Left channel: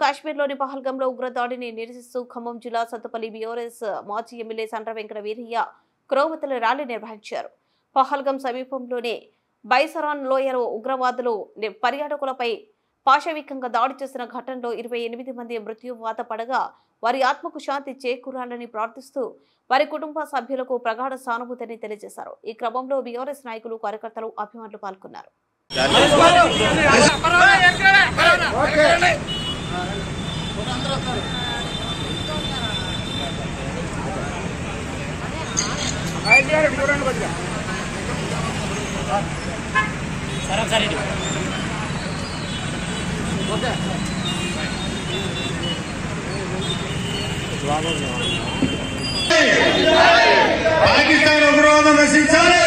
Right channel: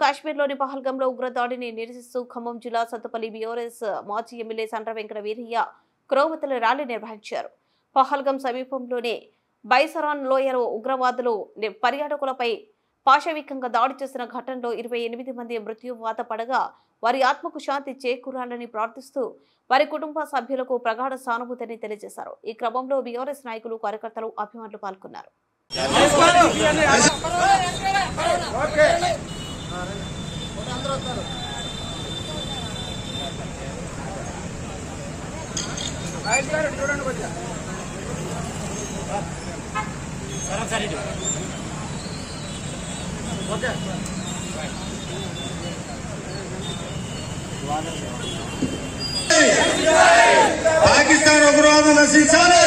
కాశ్మీర్లోని పహల్గంలో ఉగ్రదాడిని నిరసిస్తూ ఖమ్మం జిల్లా సత్తుపల్లి బీఆర్ఎస్ మాజీ ఎమ్మెల్యే సండ్ర వెంకట వీరయ్య క్రోవతల ర్యాలీ నిర్వహించారు. పహల్గం సమీపంలోని బైసరాన్ లోయలో ఉగ్రవాదులు పర్యాటకులపై పాశవికంగా దాడి చేసిన ఘటనలో 28 మంది మృత్యువాత పడగా వారి ఆత్మకు శాంతి చేకూరాలని ప్రార్థిస్తూ వారి కుటుంబ సభ్యులకు ప్రగాఢ సానుభూతిని తెలియజేశారు. ఈ క్రమంలో బీఆర్ఎస్ నాయకులు, కార్యకర్తలు, అభిమానులు పాల్గొన్నారు. పాకిస్తాన్ ఉగ్రవాదం నశించాలి.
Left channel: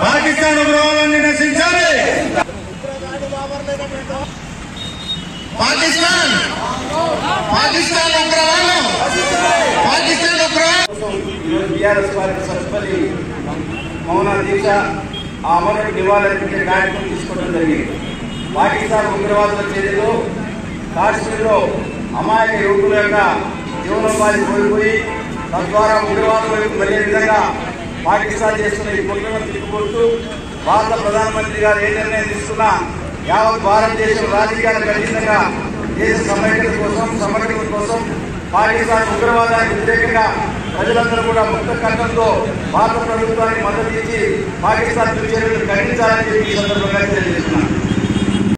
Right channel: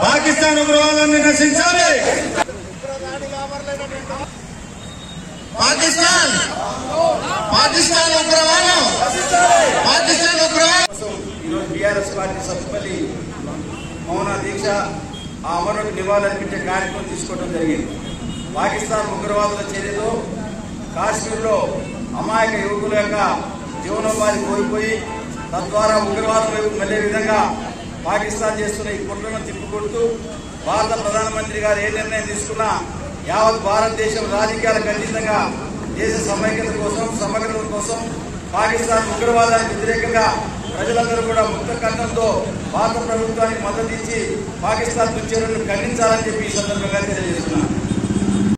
పాకిస్తాన్ ఉగ్రవాదాన్ని నశించాలి. పాకిస్తాన్ ఉగ్రవాదం టీఆర్ఎస్ పార్టీ సత్తుపల్లి మౌన దీక్ష ఆ అమరులకు నివాళులర్పించే కార్యక్రమం తీసుకోవడం జరిగింది. పాకిస్తాన్ ఉగ్రవాదుల చేతిలో కాశ్మీర్లో అమాయక యువకుల యొక్క జీవనోపాధి కోల్పోయి తద్వారా ఉగ్రవాదం వైపు వెళ్లే విధంగా పాకిస్తాన్ చేస్తున్న ఈ కుట్రను తిప్పుకొడుతూ భారత ప్రధానమంత్రి గారు ఏ నిర్ణయం తీసుకున్నా యావత్ భారతదేశం రాజకీయాలకు ఖచ్చితంగా దేశ సమైక్యత కోసం, సమగ్రత కోసం పాకిస్తాన్ ఉగ్రవాదానికి వ్యతిరేకంగా ప్రజలందరూ కూడా ముక్త కంఠంతో భారత ప్రభుత్వానికి మద్దతు ఇచ్చి పాకిస్తాన్ చర్యలను ఖండించాలని చెప్పి ఈ సందర్భంగా తెలియజేస్తున్నారు.